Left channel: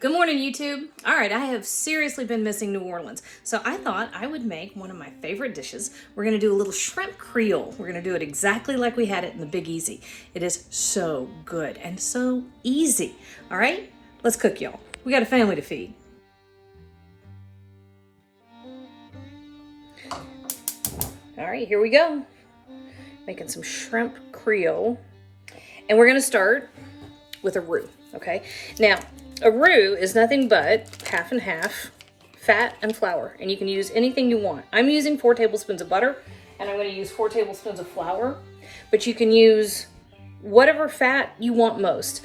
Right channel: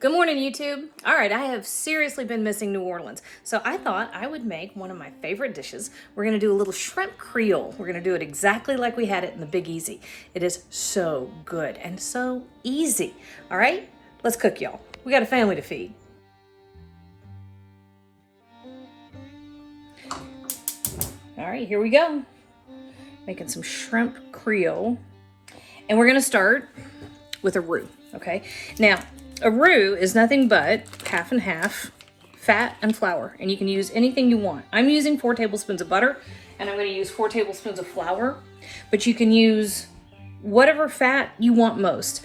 Good morning, YouTube. All right, I have seriously been missing New Orleans, so I thought I would make one of my favorite dishes. We're gonna do a little shrimp Creole. We're gonna do it exactly like we had it in the Big Easy. It is so good and so easy. All right, let's cook, y'all. We got a family to feed. All right, here we go. Making some shrimp Creole. And we're gonna start with a roux, okay? Now, a roux is nothing but half and half fat and flour, and you can use anything you want. I'm using 4 tablespoons of butter, and I'm gonna use 4 tablespoons of flour, but you can use whatever fat you want most.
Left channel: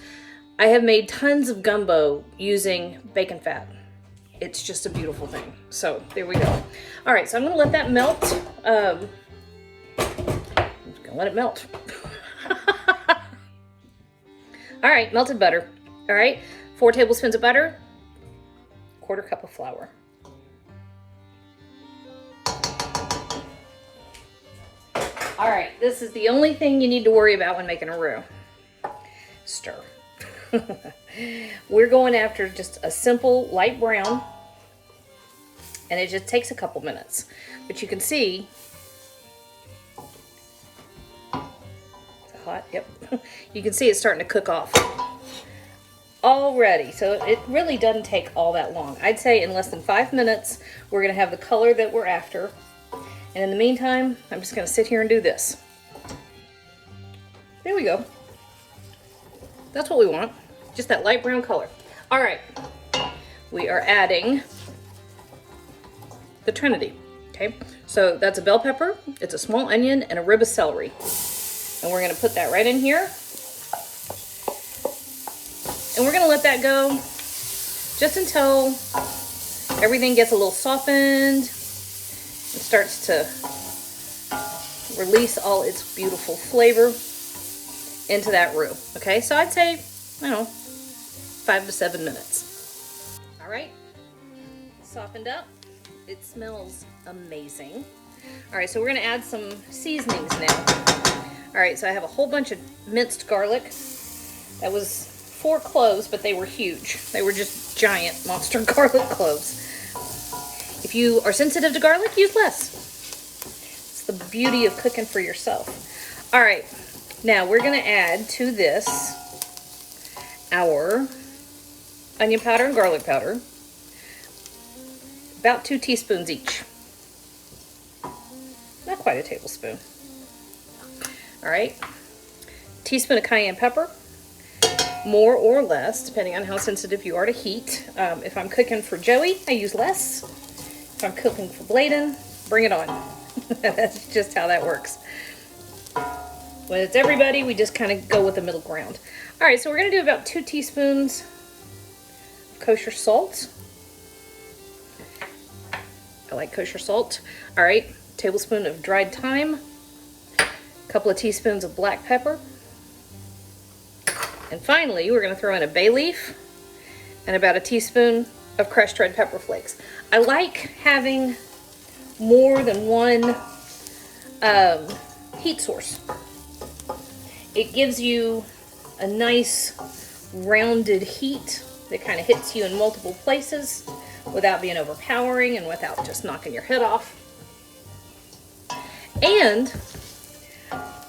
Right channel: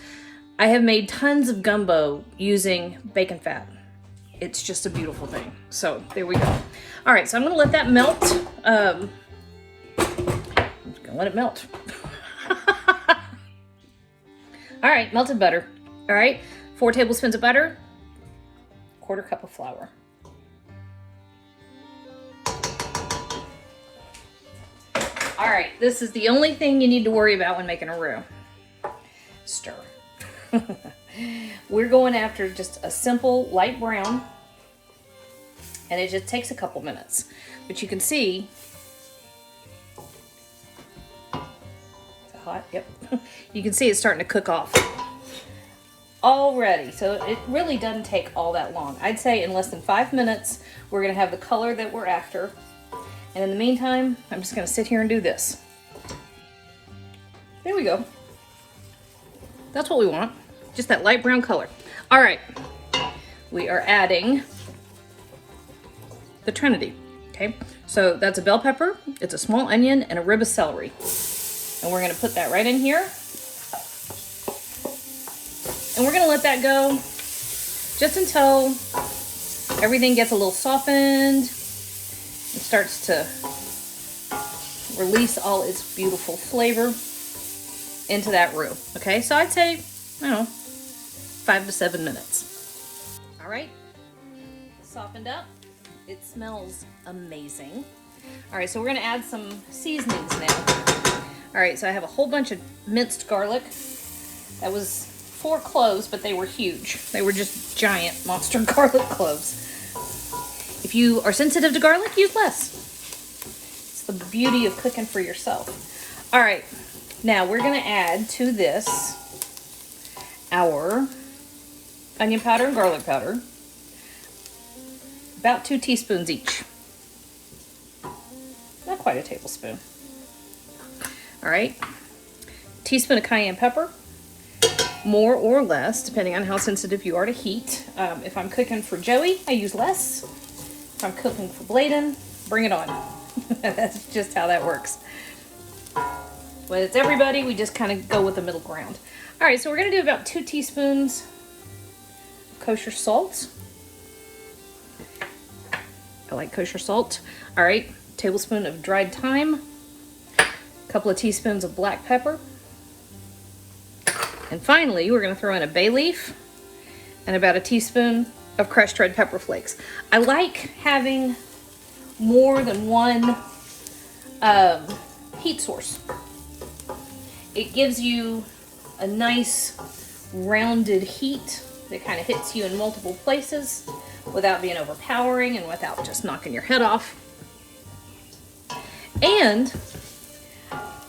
I have made tons of gumbo using bacon fat. It's just a beautiful thing. So there we go. All right, so I'm gonna let that melt. I'm gonna let it melt. All right, melted butter. All right, 4 tablespoons of butter, 1/4 cup of flour. All right, this is the only thing you need to worry about when making a roux. Stir. We're going after just a simple light brown, and it just takes a couple minutes. But you can see, is it hot? Yep. You can see it's starting to cook off already, so it really doesn't take all that long. I'd say in less than 5 minutes, we're gonna have the color that we're after. And in the meantime, I'm just gonna sit here and do this. There we go. That's what we want, just that light brown color. All right, we are adding the trinity, okay? So that's a bell pepper, it's a small onion, and a rib of celery. And we're gonna put that right in here. And we're gonna let that go just until everything gets a little softened and starts to release all its beautiful flavor into that roux. Okay, so I'd say, 5 to 7 minutes. All right, softened up. It smells amazing. All right, so we're gonna add some seasonings now. All right, so I have a whole bunch of minced garlic. That was 4 cloves, but they were huge. They were just giant monster garlic cloves. If you are sensitive to garlic, use less. It's the beauty of cooking for yourself. All right, now we're gonna add to this our onion powder and garlic powder, about 2 teaspoons each. Not quite a tablespoon. All right, teaspoon of cayenne pepper, more or less, depending on how sensitive you are to heat. If I'm cooking for Joey, I use less. If I'm cooking for Bladen, bring it on. That's just how that works. When it's everybody, we just kind of go with the middle ground. All right, so we're gonna do about 2 teaspoons kosher salt. I like kosher salt. All right, tablespoon of dried thyme, a couple of teaspoons of black pepper. And finally, we're gonna throw in a bay leaf and about a teaspoon of crushed red pepper flakes. I like having more than one heat source. It gives you a nice rounded heat that kind of hits you in multiple places without being overpowering and without just knocking your head off. And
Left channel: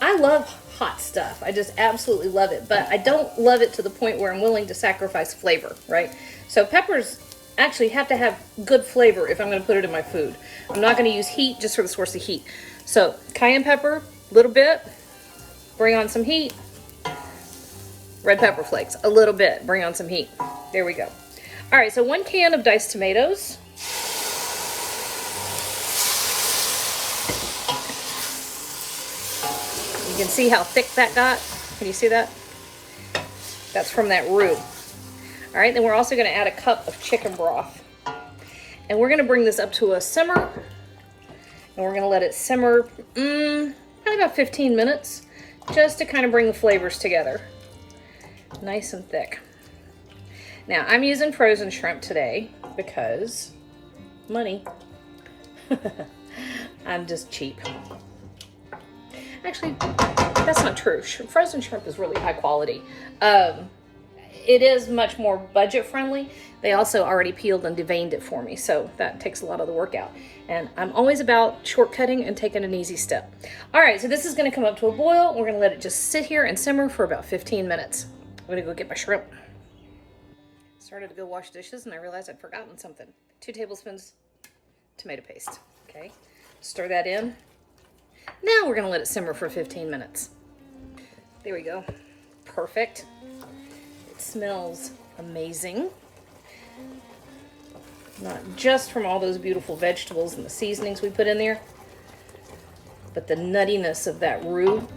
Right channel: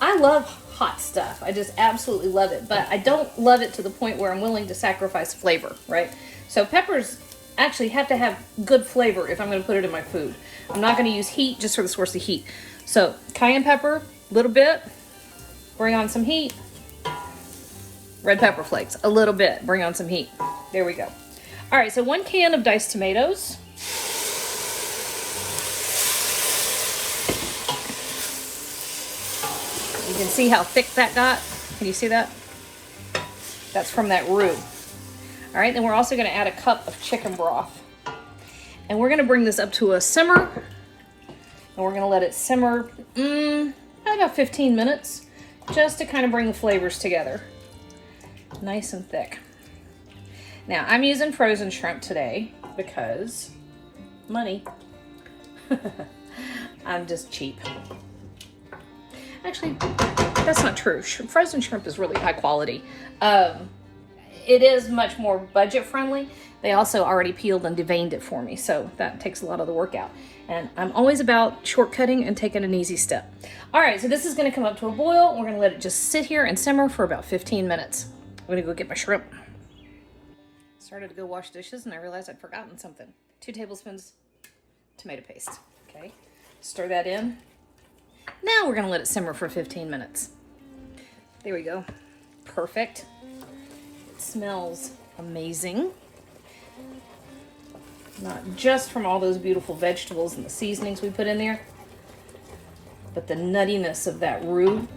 I love hot stuff. I just absolutely love it, but I don't love it to the point where I'm willing to sacrifice flavor, right? So peppers actually have to have good flavor if I'm gonna put it in my food. I'm not gonna use heat just for the source of heat. So cayenne pepper, a little bit, bring on some heat. Red pepper flakes, a little bit, bring on some heat. There we go. All right, so 1 can of diced tomatoes. You can see how thick that got. Can you see that? That's from that roux. All right, then we're also gonna add a cup of chicken broth. And we're gonna bring this up to a simmer. And we're gonna let it simmer about 15 minutes, just to kind of bring the flavors together. Nice and thick. Now, I'm using frozen shrimp today because money. I'm just cheap. Actually, that's not true. Frozen shrimp is really high quality. it is much more budget friendly. They also already peeled and deveined it for me, so that takes a lot of the work out. And I'm always about shortcutting and taking an easy step. All right, so this is gonna come up to a boil. We're gonna let it just sit here and simmer for about 15 minutes. I'm gonna go get my shrimp. Started to go wash dishes and I realized I'd forgotten something. 2 tablespoons tomato paste, okay? Stir that in. Now we're gonna let it simmer for 15 minutes. There we go, perfect. It smells amazing. Not just from all those beautiful vegetables and the seasonings we put in there, but the nuttiness of that roux.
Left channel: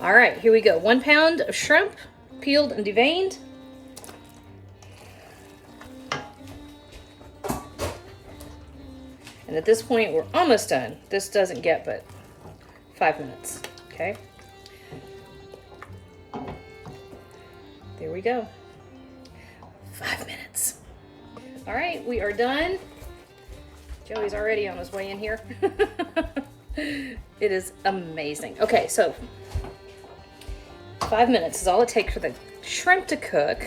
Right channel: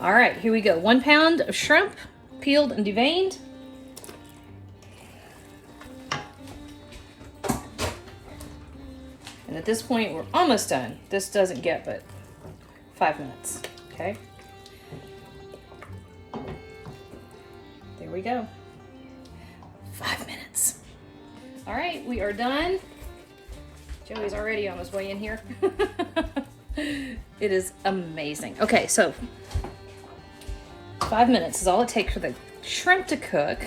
All right, here we go. 1 pound of shrimp, peeled and deveined. And at this point, we're almost done. This doesn't get but 5 minutes, okay? There we go. 5 minutes. All right, we are done. Joey's already on his way in here. It is amazing. Okay, so 5 minutes is all it takes for the shrimp to cook.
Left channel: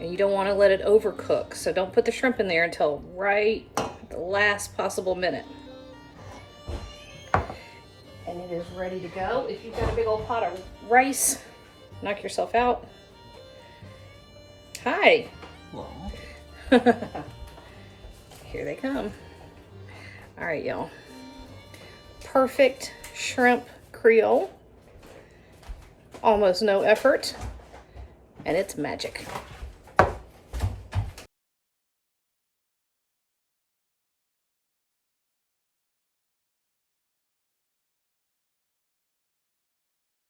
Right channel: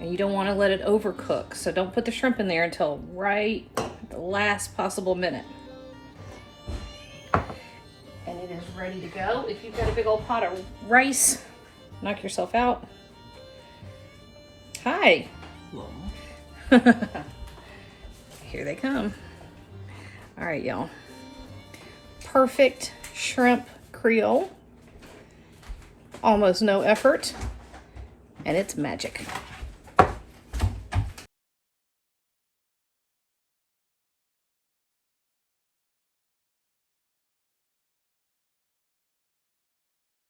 And you don't want to let it overcook, so don't put the shrimp in there until right the last possible minute. And it is ready to go. If you've got a big old pot of rice, knock yourself out. Hi. Hello. Here they come. All right, y'all. Perfect shrimp Creole. Almost no effort, and it's magic.